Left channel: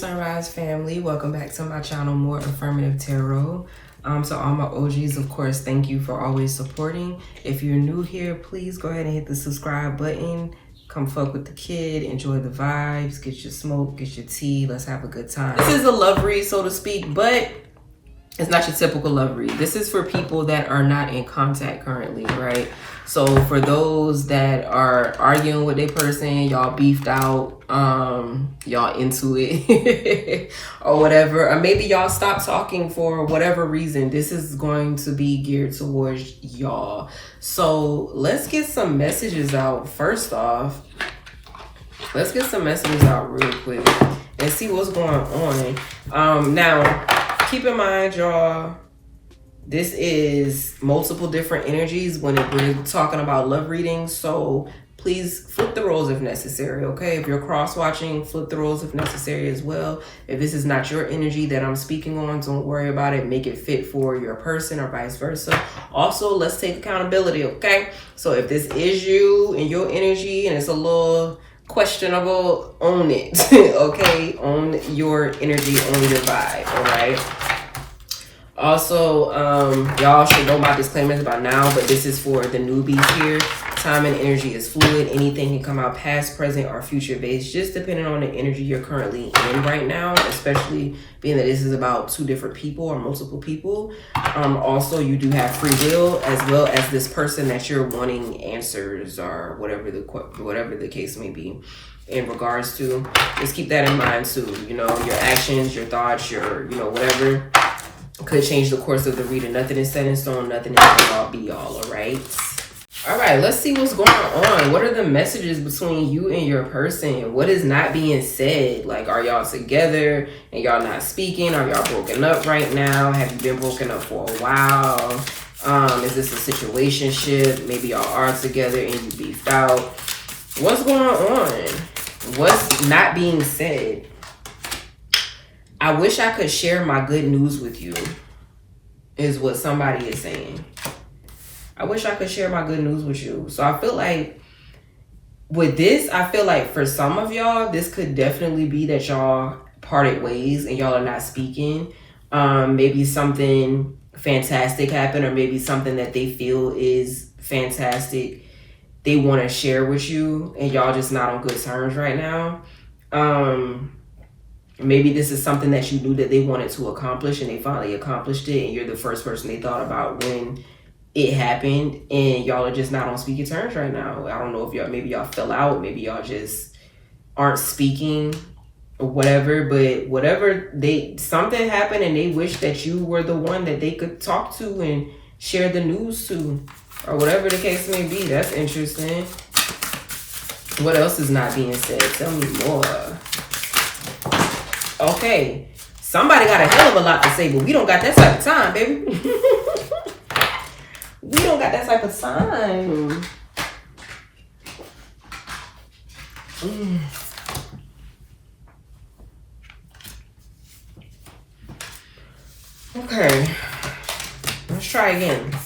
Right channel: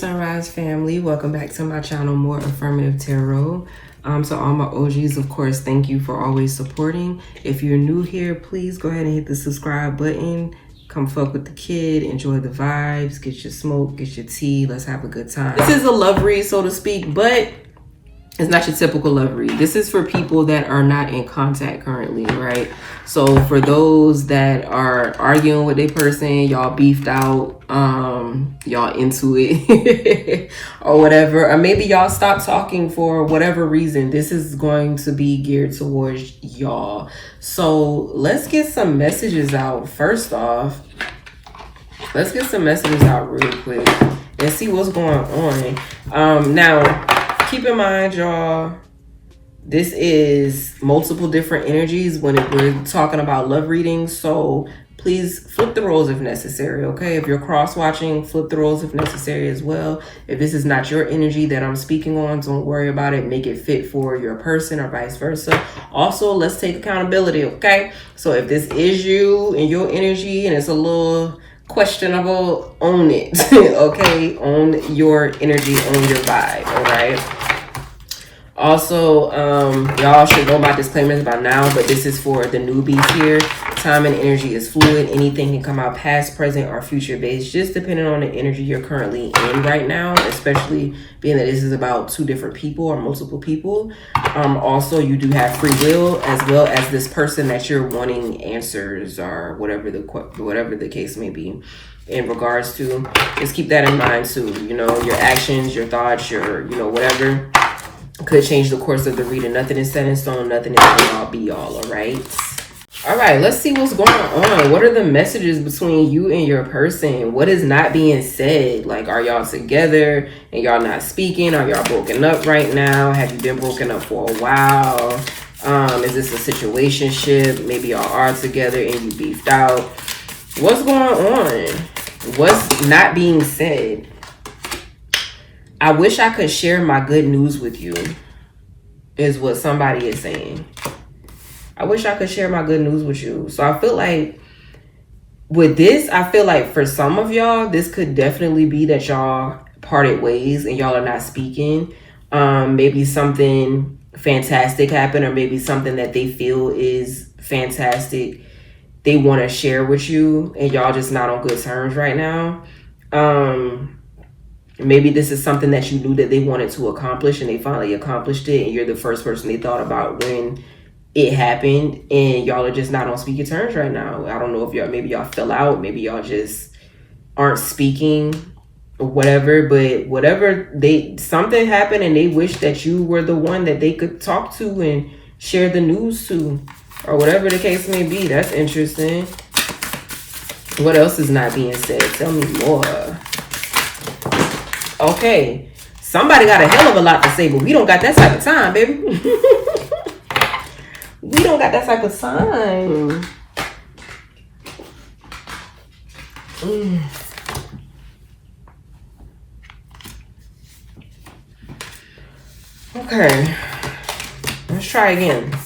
Sunrise family, welcome back to my channel, More Affirmative Tarot. So all my OGs, of course, thank you for always supporting. If you're new here, please go ahead and hit the subscribe button. Come fuck with the kid, enjoy the vibes, get your smoke, get your tea, let's have a good time. This is a love read, so to speak, but it's not your typical love read. This is for people that are not in contact currently, right? So for those that are arguing with their person, y'all beefed out, y'all into it or whatever, or maybe y'all stopped talking for whatever reason, this is going to be geared towards y'all. So let's get some messages out. First off, let's get some messages out real quick and see what's going on. Now, keep in mind, y'all, this is multiple different energies when we're talking about love readings. So please flip the roles if necessary, okay? If you're cross-watching, flip the roles if necessary as well. If this is not your energy that I'm speaking on, don't worry about it. Make it fit for your person or vice versa. Also, let's take accountability, okay? So if this is you and your energy and it's a little questionable, own it, okay? Own your energy, own your vibe, all right? Also, y'all should know my disclaimers by now, but this is for the newbies here. Time and energy is fluid. Anything can come out past, present, or future based, just depending on the energy you're currently in right now, especially being that this is about two different people or multiple people. Also, you do have free will, as well as this person that you're wanting answers or whatever the case may be in regards to. Just keep that in mind too. You know, your actions, your thoughts, your, you know, whatever could change the course of the reading. Nothing is set in stone. Nothing is all be all right? All right, let's see what's going on. What are the messages between you and your person? What is not being said? Like, are y'all together and y'all not speaking? Are y'all broken up right now? Have you been broken up for a while? Is this a situationship? Maybe y'all are together and you beefed out. What's going on? What's not being said? I wish I could share my good news with you, is what somebody is saying. I wish I could share my good news with you. So I feel like with this, I feel like for some of y'all, this could definitely be that y'all parted ways and y'all are not speaking. Maybe something fantastic happened, or maybe something that they feel is fantastic they want to share with you and y'all just not on good terms right now. Maybe this is something that you knew that they wanted to accomplish and they finally accomplished it, and you're the first person they thought about when it happened, and y'all are just not on speaking terms right now. I don't know if maybe y'all fell out, maybe y'all just aren't speaking or whatever, but whatever, something happened and they wish that you were the one that they could talk to and share the news to, or whatever the case may be. That's interesting. What else is not being said? Tell me more. Okay, somebody got a hell of a lot to say, but we don't got that type of time, baby. We don't got that type of time. Okay, let's try again.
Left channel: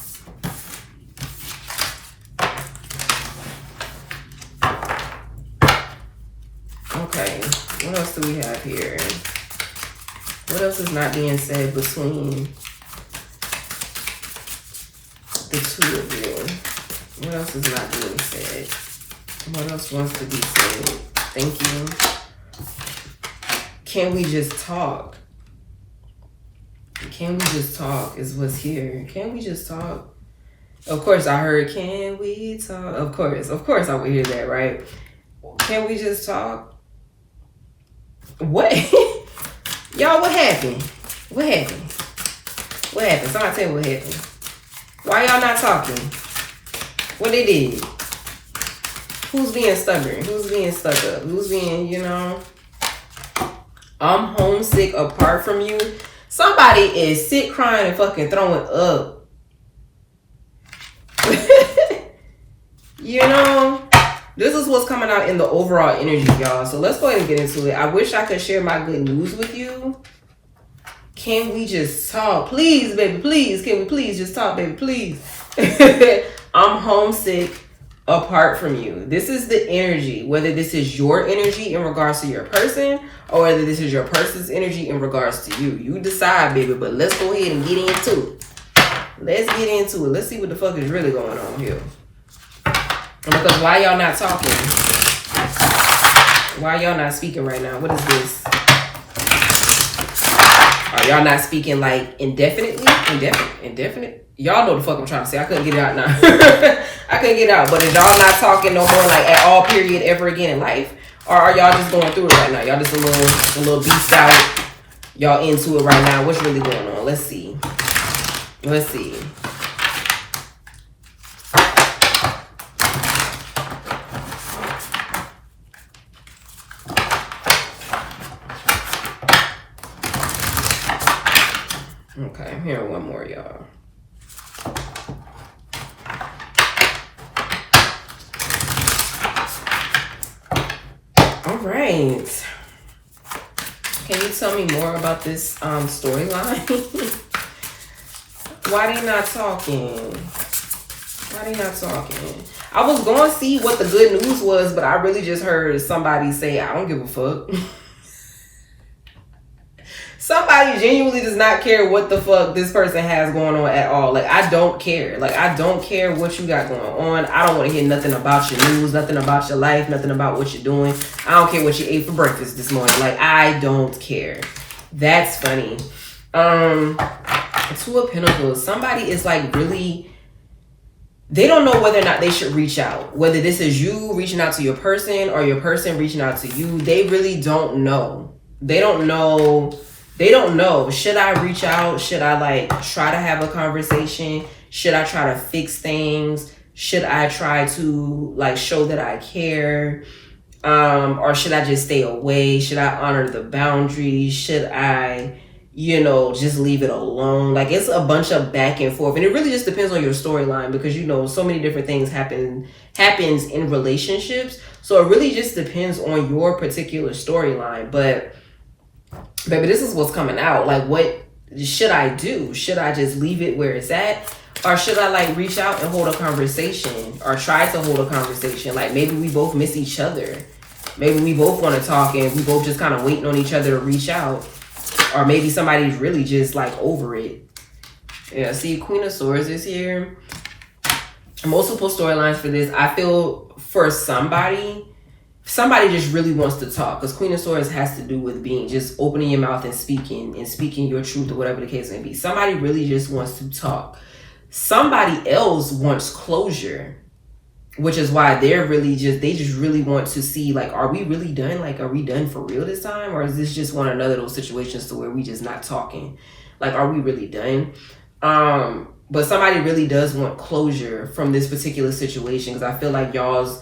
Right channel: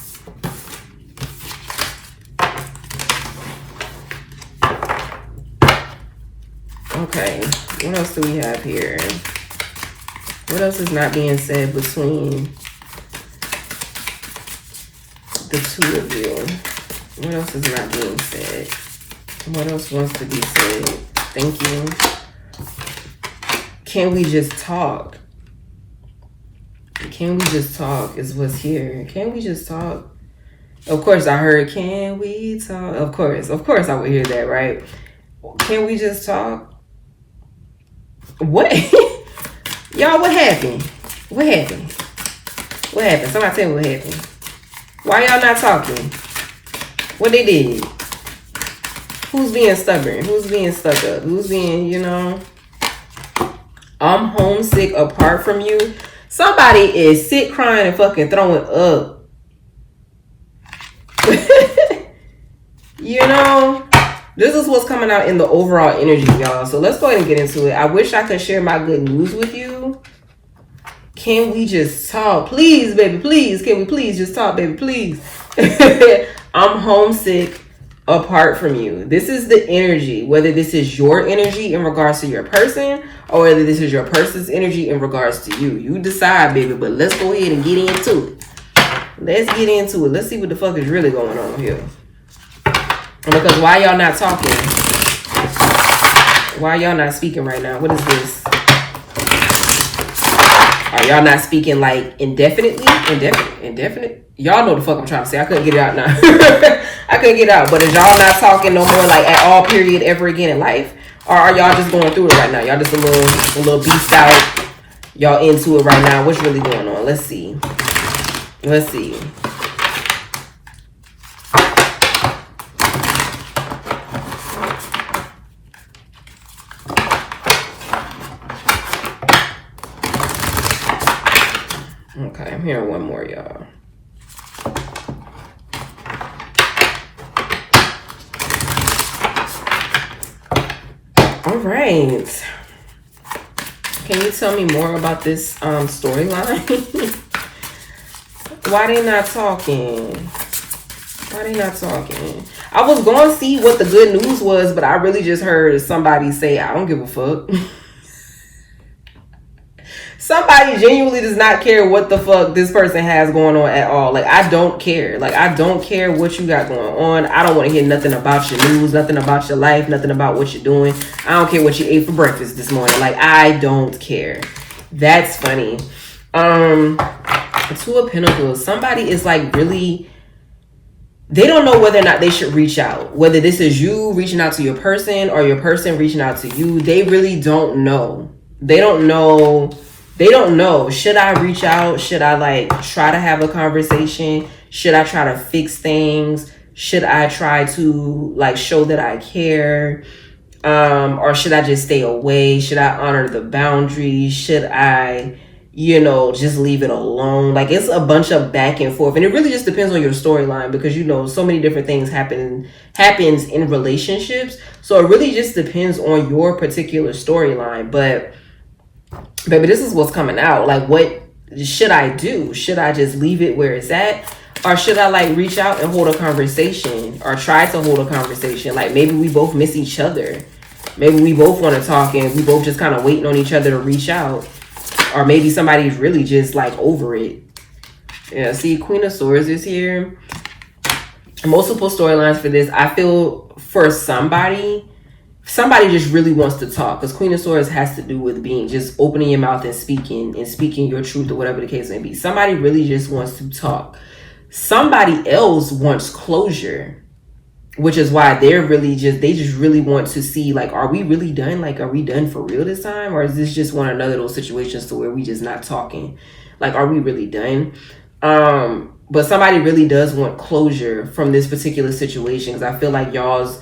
Okay, what else do we have here? What else is not being said between the two of you? What else is not being said? What else wants to be said? Thank you. Can we just talk? Can we just talk is what's here. Can we just talk? Of course I heard, can we talk? Of course I would hear that, right? Can we just talk? What? Y'all, what happened? What happened? What happened? Somebody tell me what happened. Why y'all not talking? What they did? Who's being stubborn? Who's being stuck up? Who's being, you know? I'm homesick apart from you. Somebody is sick, crying, and fucking throwing up. You know? This is what's coming out in the overall energy, y'all. So let's go ahead and get into it. I wish I could share my good news with you. Can we just talk? Please, baby, please. Can we please just talk, baby, please? I'm homesick apart from you. This is the energy, whether this is your energy in regards to your person or whether this is your person's energy in regards to you. You decide, baby, but let's go ahead and get into it. Let's get into it. Let's see what the fuck is really going on here. Because why y'all not talking? Why y'all not speaking right now? What is this? Are y'all not speaking like indefinitely? Indefinite? Y'all know the fuck I'm trying to say. I couldn't get it out now. I couldn't get it out. But is y'all not talking no more like at all period ever again in life? Or are y'all just going through it right now? Y'all just a little beefed out. Y'all into it right now. What's really going on? Let's see. Let's see. Okay, I'm hearing one more, y'all. All right. Can you tell me more about this storyline? Why they not talking? Why they not talking? I was going to see what the good news was, but I really just heard somebody say, I don't give a fuck. Somebody genuinely does not care what the fuck this person has going on at all. Like, I don't care. Like, I don't care what you got going on. I don't want to hear nothing about your news, nothing about your life, nothing about what you're doing. I don't care what you ate for breakfast this morning. Like, I don't care. That's funny. Two of Pentacles. Somebody is like really, they don't know whether or not they should reach out. Whether this is you reaching out to your person or your person reaching out to you. They really don't know. They don't know. They don't know. Should I reach out? Should I like try to have a conversation? Should I try to fix things? Should I try to like show that I care? Or should I just stay away? Should I honor the boundaries? Should I, you know, just leave it alone? Like, it's a bunch of back and forth. And it really just depends on your storyline because, you know, so many different things happens in relationships. So it really just depends on your particular storyline. But baby, this is what's coming out. Like, what should I do? Should I just leave it where it's at? Or should I like reach out and hold a conversation or try to hold a conversation? Like, maybe we both miss each other. Maybe we both want to talk and we both just kind of waiting on each other to reach out. Or maybe somebody's really just like over it. Yeah, see, Queen of Swords is here. Multiple storylines for this. I feel for somebody just really wants to talk, because Queen of Swords has to do with being just opening your mouth and speaking your truth or whatever the case may be. Somebody really just wants to talk. Somebody else wants closure, which is why they just really want to see, like, are we really done? Like, are we done for real this time? Or is this just one another of those situations to where we just not talking? Like, are we really done? But somebody really does want closure from this particular situation, because I feel like y'all's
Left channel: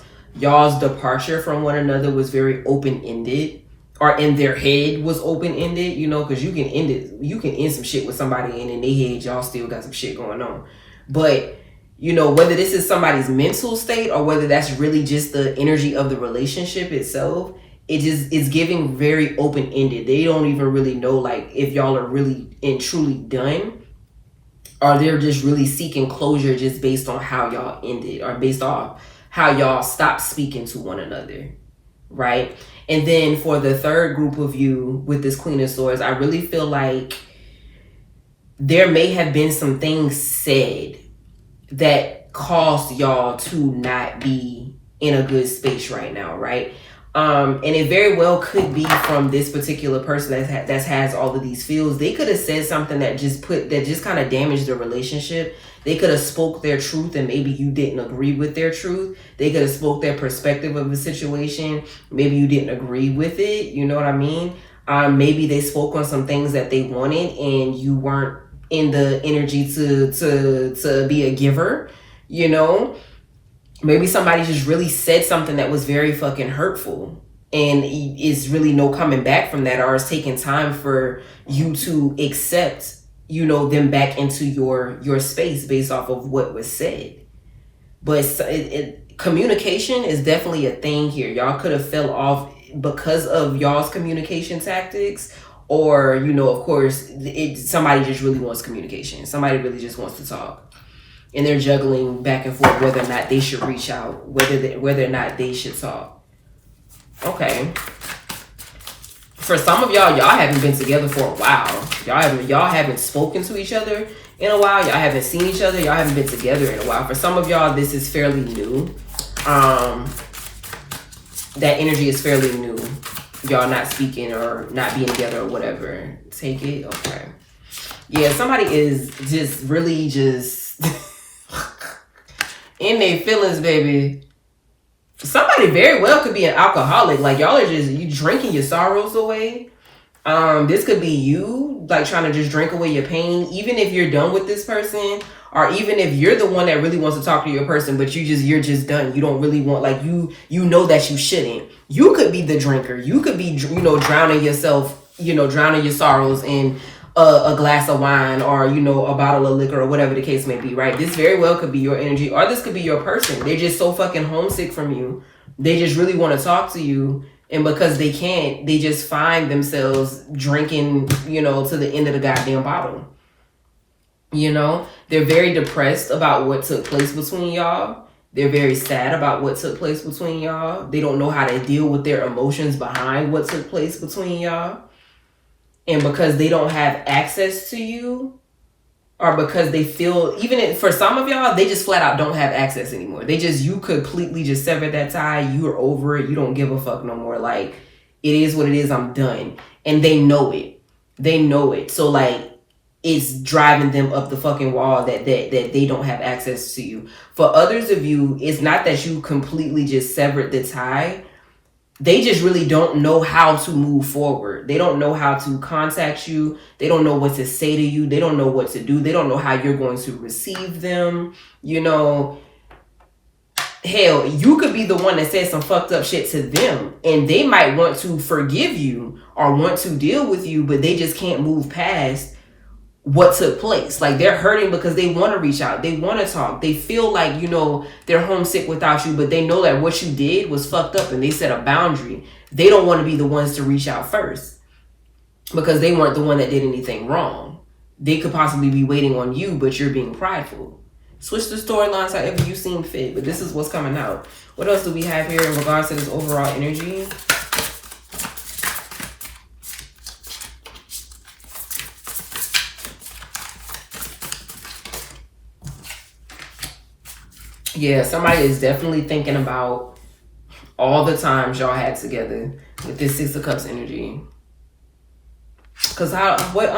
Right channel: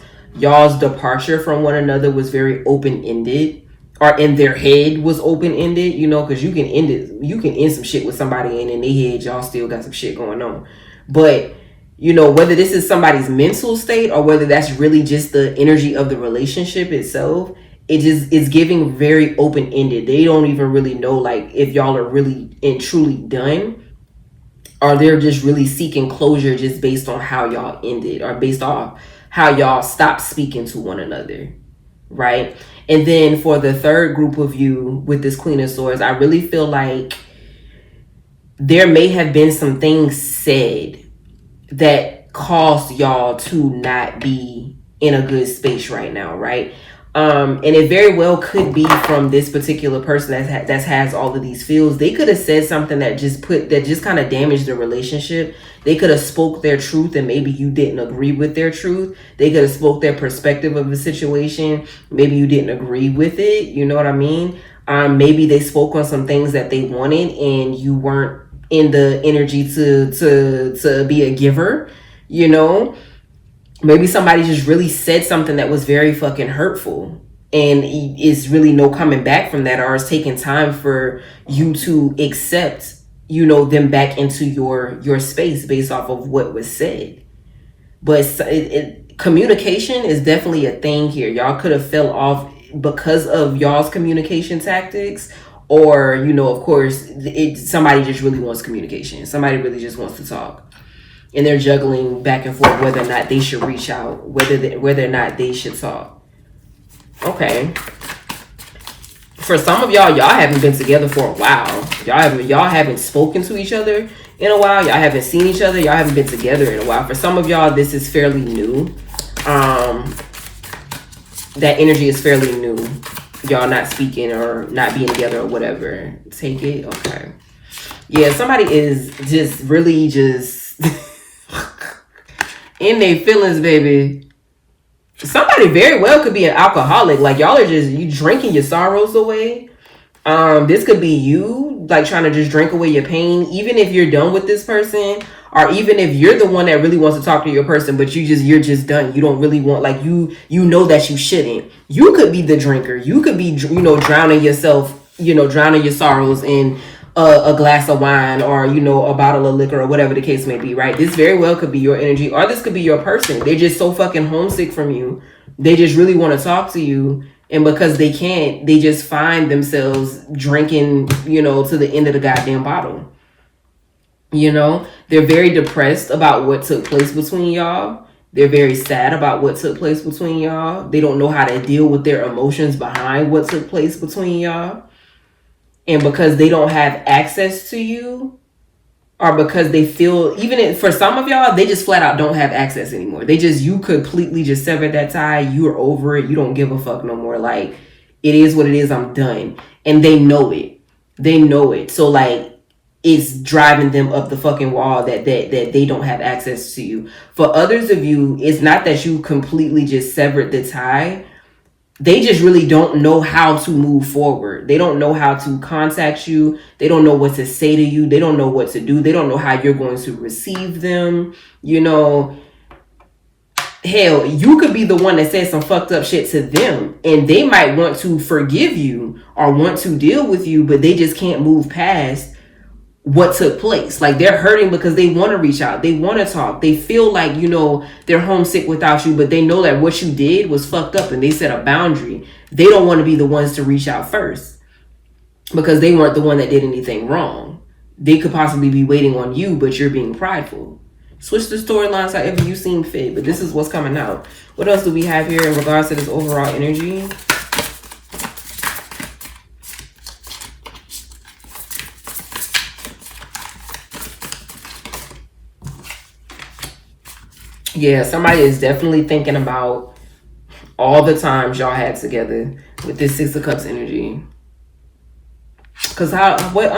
departure from one another was very open-ended, or in their head was open-ended, you know, because you can end some shit with somebody and in their head y'all still got some shit going on. But, you know, whether this is somebody's mental state or whether that's really just the energy of the relationship itself, it's giving very open-ended. They don't even really know, like, if y'all are really and truly done, or they're just really seeking closure just based on how y'all ended, or based off how y'all stopped speaking to one another, right? And then for the third group of you with this Queen of Swords, I really feel like there may have been some things said that caused y'all to not be in a good space right now, right? And it very well could be from this particular person that has all of these feels. They could have said something that just kind of damaged the relationship. They could have spoke their truth and maybe you didn't agree with their truth. They could have spoke their perspective of the situation. Maybe you didn't agree with it. You know what I mean? Maybe they spoke on some things that they wanted and you weren't in the energy to be a giver, you know? Maybe somebody just really said something that was very fucking hurtful, and it's really no coming back from that, or it's taking time for you to accept, you know, them back into your space based off of what was said. But communication is definitely a thing here. Y'all could have fell off because of y'all's communication tactics, or, you know, of course, somebody just really wants communication. Somebody really just wants to talk. And they're juggling back and forth whether or not they should reach out, whether or not they should talk. Okay. For some of y'all haven't been together for a while. Y'all haven't spoken to each other in a while. Y'all haven't seen each other. Y'all haven't been together in a while. For some of y'all, this is fairly new. That energy is fairly new. Y'all not speaking or not being together or whatever. Take it. Okay. Yeah, somebody is just really just in their feelings, baby. Somebody very well could be an alcoholic. Like, y'all are just, you drinking your sorrows away. This could be you, like, trying to just drink away your pain. Even if you're done with this person, or even if you're the one that really wants to talk to your person, but you're just done. You don't really want, like, you know that you shouldn't. You could be the drinker. You could be, drowning yourself, drowning your sorrows in a glass of wine, or a bottle of liquor, or whatever the case may be, right? This very well could be your energy, or this could be your person. They're just so fucking homesick from you. They just really want to talk to you, and because they can't, they just find themselves drinking, to the end of the goddamn bottle. They're very depressed about what took place between y'all. They're very sad about what took place between y'all. They don't know how to deal with their emotions behind what took place between y'all. And because they don't have access to you, or because they feel, for some of y'all, they just flat out don't have access anymore. You completely just severed that tie. You're over it. You don't give a fuck no more. Like, it is what it is. I'm done. And they know it. So, like, it's driving them up the fucking wall that they don't have access to you. For others of you, it's not that you completely just severed the tie. They just really don't know how to move forward. They don't know how to contact you. They don't know what to say to you. They don't know what to do. They don't know how you're going to receive them. Hell, you could be the one that said some fucked up shit to them, and they might want to forgive you or want to deal with you, but they just can't move past what took place. Like, they're hurting because they want to reach out. They want to talk. They feel like, they're homesick without you, but they know that what you did was fucked up and they set a boundary. They don't want to be the ones to reach out first because they weren't the one that did anything wrong. They could possibly be waiting on you, but you're being prideful. Switch the storylines however you seem fit, but this is what's coming out. What else do we have here in regards to this overall energy? Yeah, somebody is definitely thinking about all the times y'all had together with this Six of Cups energy. Because what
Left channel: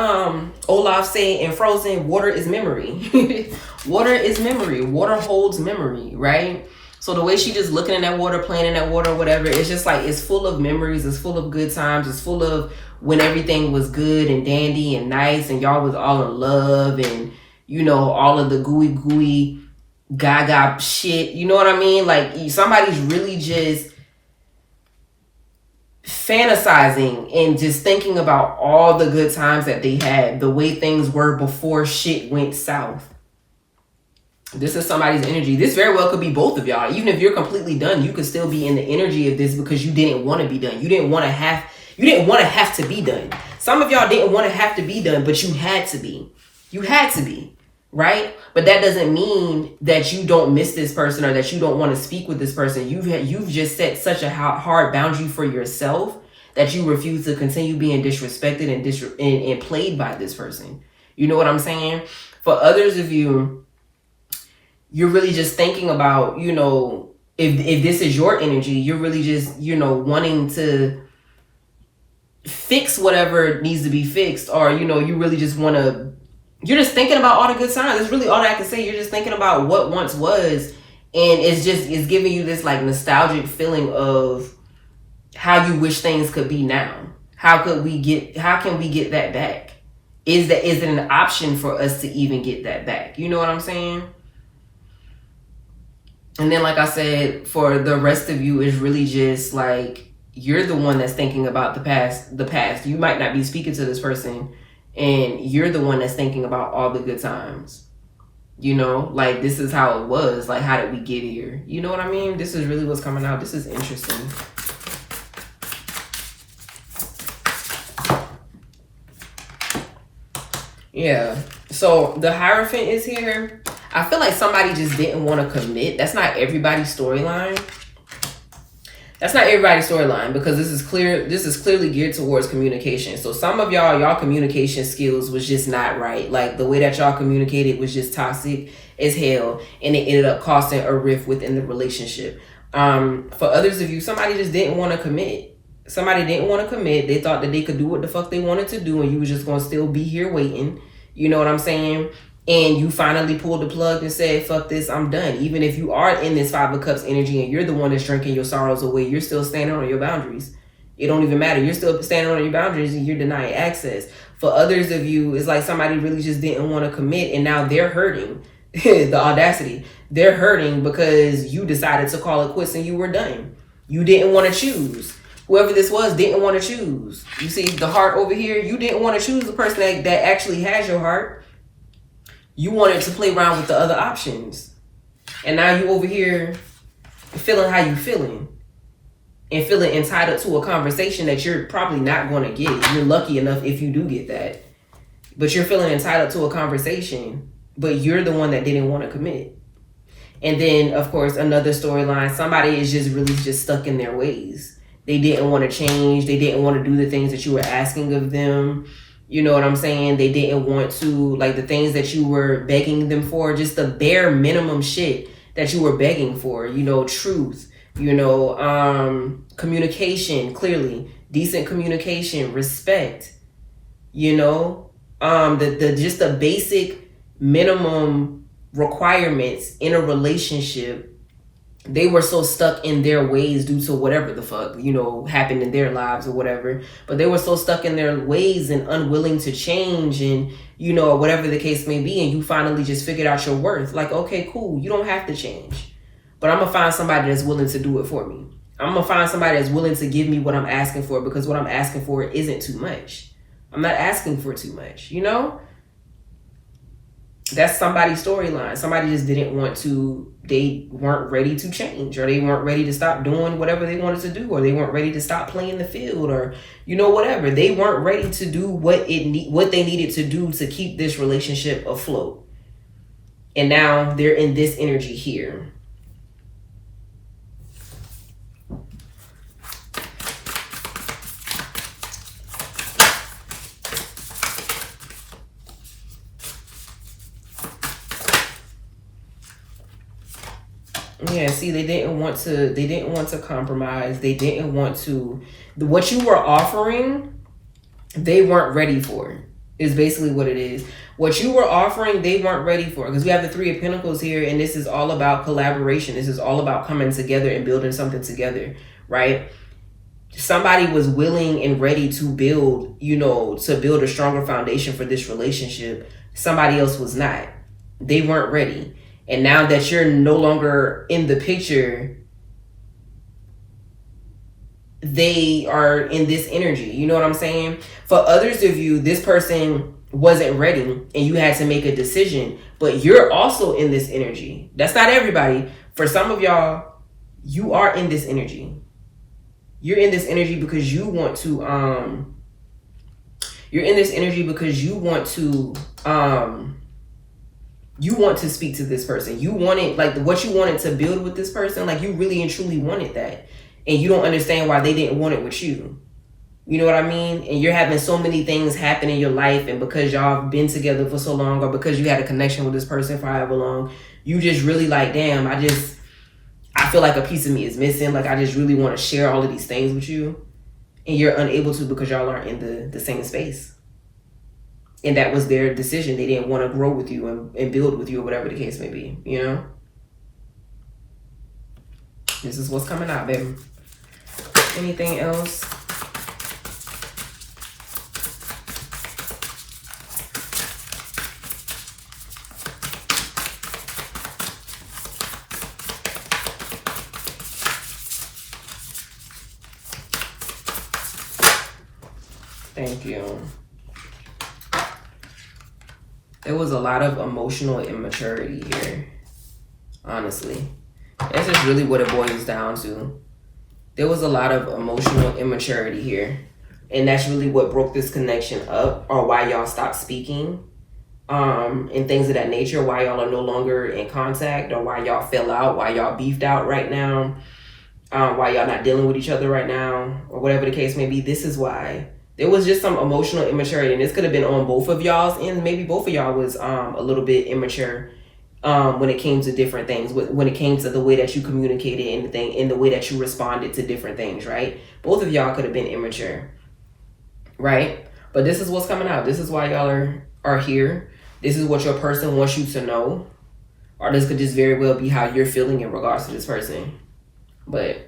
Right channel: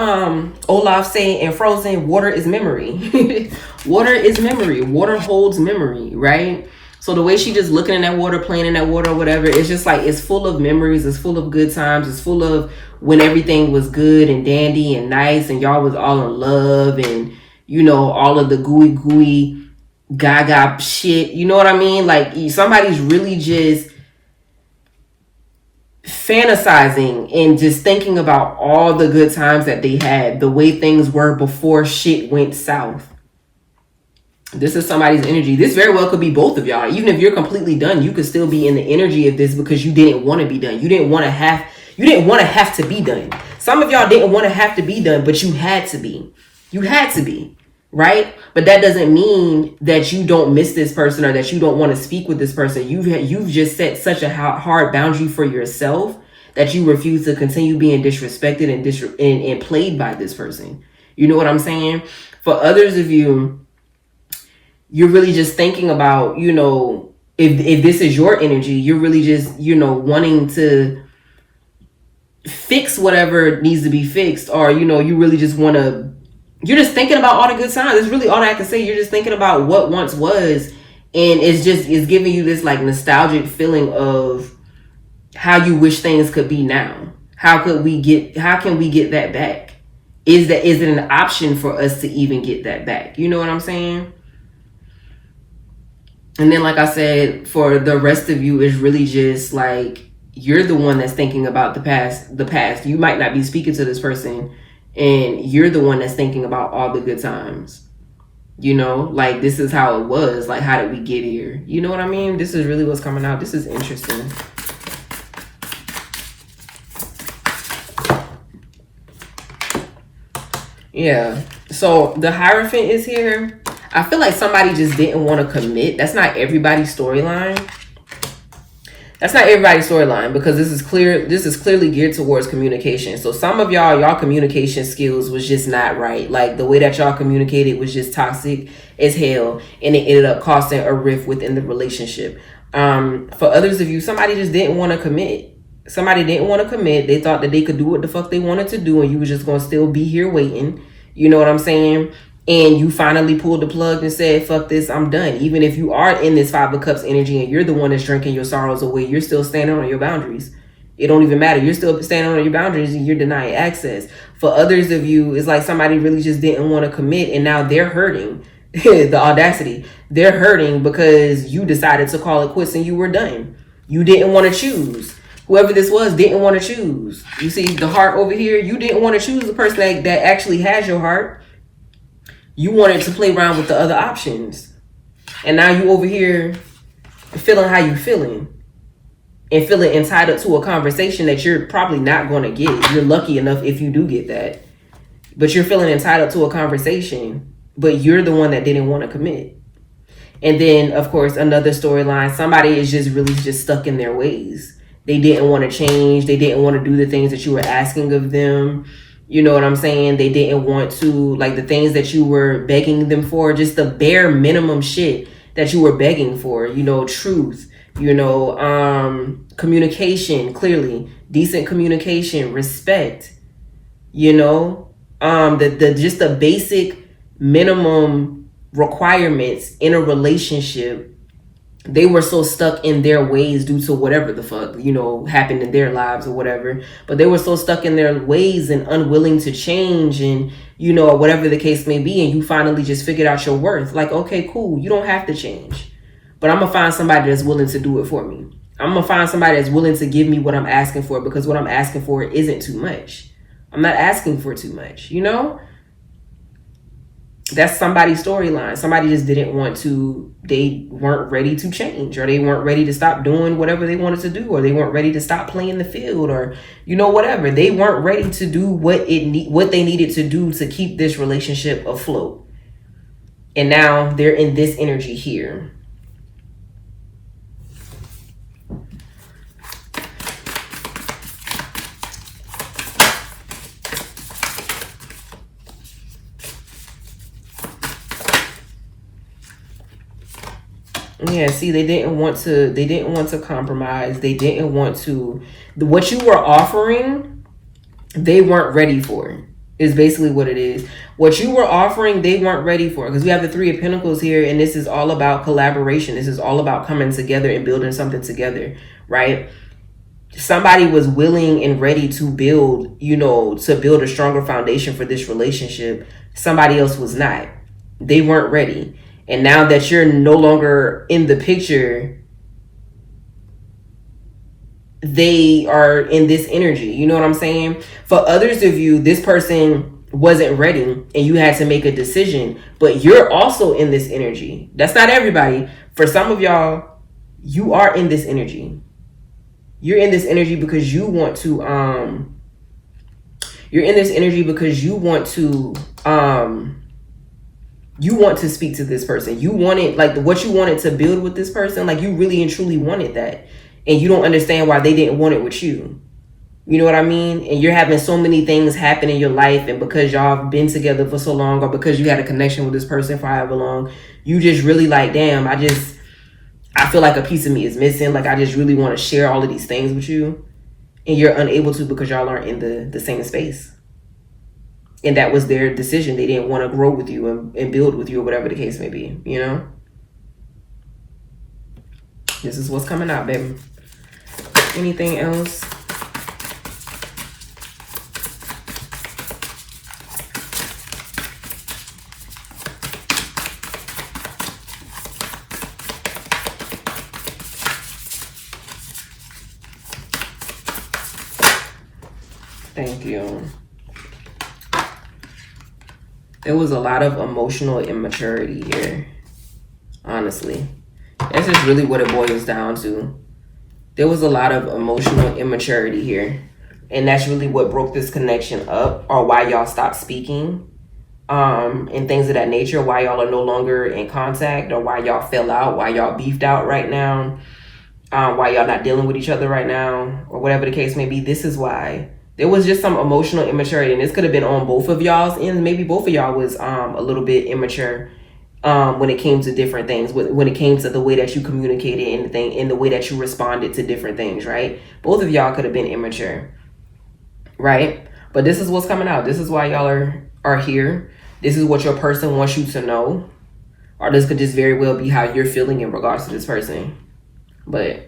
Olaf say in Frozen, water is memory. Water is memory. Water holds memory, right? So the way she just looking in that water, playing in that water or whatever, it's just like, it's full of memories. It's full of good times. It's full of when everything was good and dandy and nice and y'all was all in love and, all of the gooey gaga shit. You know what I mean? Like, somebody's really just fantasizing and just thinking about all the good times that they had, the way things were before shit went south. This is somebody's energy. This very well could be both of y'all. Even if you're completely done, you could still be in the energy of this because you didn't want to be done. You didn't want to have to be done. Some of y'all didn't want to have to be done, but you had to be. You had to be. Right? But that doesn't mean that you don't miss this person or that you don't want to speak with this person. You've just set such a hard boundary for yourself that you refuse to continue being disrespected and played by this person. You know what I'm saying? For others of you, you're really just thinking about, if this is your energy, you're really just, wanting to fix whatever needs to be fixed, or, you really just want to. You're just thinking about all the good times. That's really all I can say. You're just thinking about what once was. And it's giving you this like nostalgic feeling of how you wish things could be now. How can we get that back? Is it an option for us to even get that back? You know what I'm saying? And then, like I said, for the rest of you, it's really just like, you're the one that's thinking about the past. You might not be speaking to this person, and you're the one that's thinking about all the good times. Like, this is how it was. Like, how did we get here? You know what I mean? This is really what's coming out. This is interesting. Yeah. So the Hierophant is here. I feel like somebody just didn't want to commit. That's not everybody's storyline. That's not everybody's storyline, because this is clearly geared towards communication. So some of y'all communication skills was just not right. Like the way that y'all communicated was just toxic as hell, and it ended up causing a rift within the relationship. For others of you, somebody just didn't want to commit. Somebody didn't want to commit. They thought that they could do what the fuck they wanted to do, and you were just going to still be here waiting. You know what I'm saying? And you finally pulled the plug and said, fuck this, I'm done. Even if you are in this 5 of Cups energy and you're the one that's drinking your sorrows away, you're still standing on your boundaries. It don't even matter. You're still standing on your boundaries and you're denying access. For others of you, it's like somebody really just didn't want to commit, and now they're hurting. The audacity. They're hurting because you decided to call it quits and you were done. You didn't want to choose. Whoever this was didn't want to choose. You see the heart over here? You didn't want to choose the person that actually has your heart. You wanted to play around with the other options. And now you over here feeling how you feeling. And feeling entitled to a conversation that you're probably not going to get. You're lucky enough if you do get that. But you're feeling entitled to a conversation. But you're the one that didn't want to commit. And then, of course, another storyline. Somebody is just really just stuck in their ways. They didn't want to change. They didn't want to do the things that you were asking of them. You know what I'm saying? They didn't want to, like the things that you were begging them for, just the bare minimum shit that you were begging for, you know, truth, you know, communication, clearly, decent communication, respect, you know, just the basic minimum requirements in a relationship. They were so stuck in their ways due to whatever the fuck, you know, happened in their lives or whatever. But they were so stuck in their ways and unwilling to change and, you know, whatever the case may be. And you finally just figured out your worth. Like, okay, cool. You don't have to change. But I'm going to find somebody that's willing to do it for me. I'm going to find somebody that's willing to give me what I'm asking for, because what I'm asking for isn't too much. I'm not asking for too much, you know? That's somebody's storyline. Somebody just didn't want to, they weren't ready to change, or they weren't ready to stop doing whatever they wanted to do, or they weren't ready to stop playing the field, or, you know, whatever. They weren't ready to do what they needed to do to keep this relationship afloat. And now they're in this energy here. Yeah, see, they didn't want to compromise. They didn't want to, what you were offering, they weren't ready for, is basically what it is. What you were offering, they weren't ready for, because we have the 3 of Pentacles here, and this is all about collaboration. This is all about coming together and building something together, right? Somebody was willing and ready to build, you know, to build a stronger foundation for this relationship. Somebody else was not. They weren't ready. And now that you're no longer in the picture, they are in this energy. You know what I'm saying? For others of you, this person wasn't ready and you had to make a decision, but you're also in this energy. That's not everybody. For some of y'all, you are in this energy. You're in this energy because you want to, you're in this energy because you want to speak to this person. You wanted, like, what you wanted to build with this person, like, you really and truly wanted that. And you don't understand why they didn't want it with you. You know what I mean? And you're having so many things happen in your life, and because y'all have been together for so long, or because you had a connection with this person for however long, you just really like, damn, I feel like a piece of me is missing. Like, I just really want to share all of these things with you. And you're unable to because y'all aren't in the same space. And that was their decision. They didn't want to grow with you and build with you, or whatever the case may be, you know? This is what's coming out, baby. Anything else? Thank you. There was a lot of emotional immaturity here, honestly. That's just really what it boils down to. There was a lot of emotional immaturity here. And that's really what broke this connection up, or why y'all stopped speaking, and things of that nature, why y'all are no longer in contact, or why y'all fell out, why y'all beefed out right now. why y'all not dealing with each other right now, or whatever the case may be. This is why. There was just some emotional immaturity, and this could have been on both of y'all's ends. Maybe both of y'all was a little bit immature when it came to different things, when it came to the way that you communicated and the way that you responded to different things, right? Both of y'all could have been immature, right? But this is what's coming out. This is why y'all are here. This is what your person wants you to know. Or this could just very well be how you're feeling in regards to this person. But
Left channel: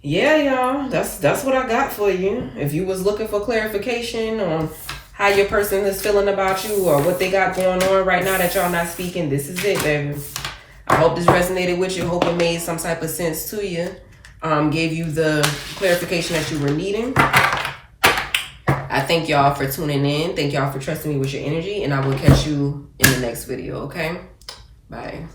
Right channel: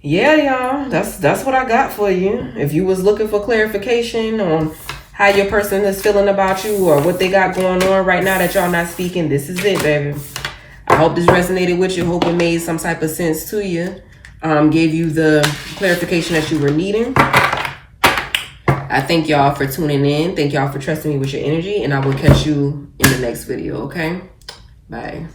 yeah, y'all, that's what I got for you. If you was looking for clarification on how your person is feeling about you or what they got going on right now that y'all not speaking, this is it, baby. I hope this resonated with you. Hope it made some type of sense to you. Gave you the clarification that you were needing. I thank y'all for tuning in. Thank y'all for trusting me with your energy. And I will catch you in the next video, okay? Bye.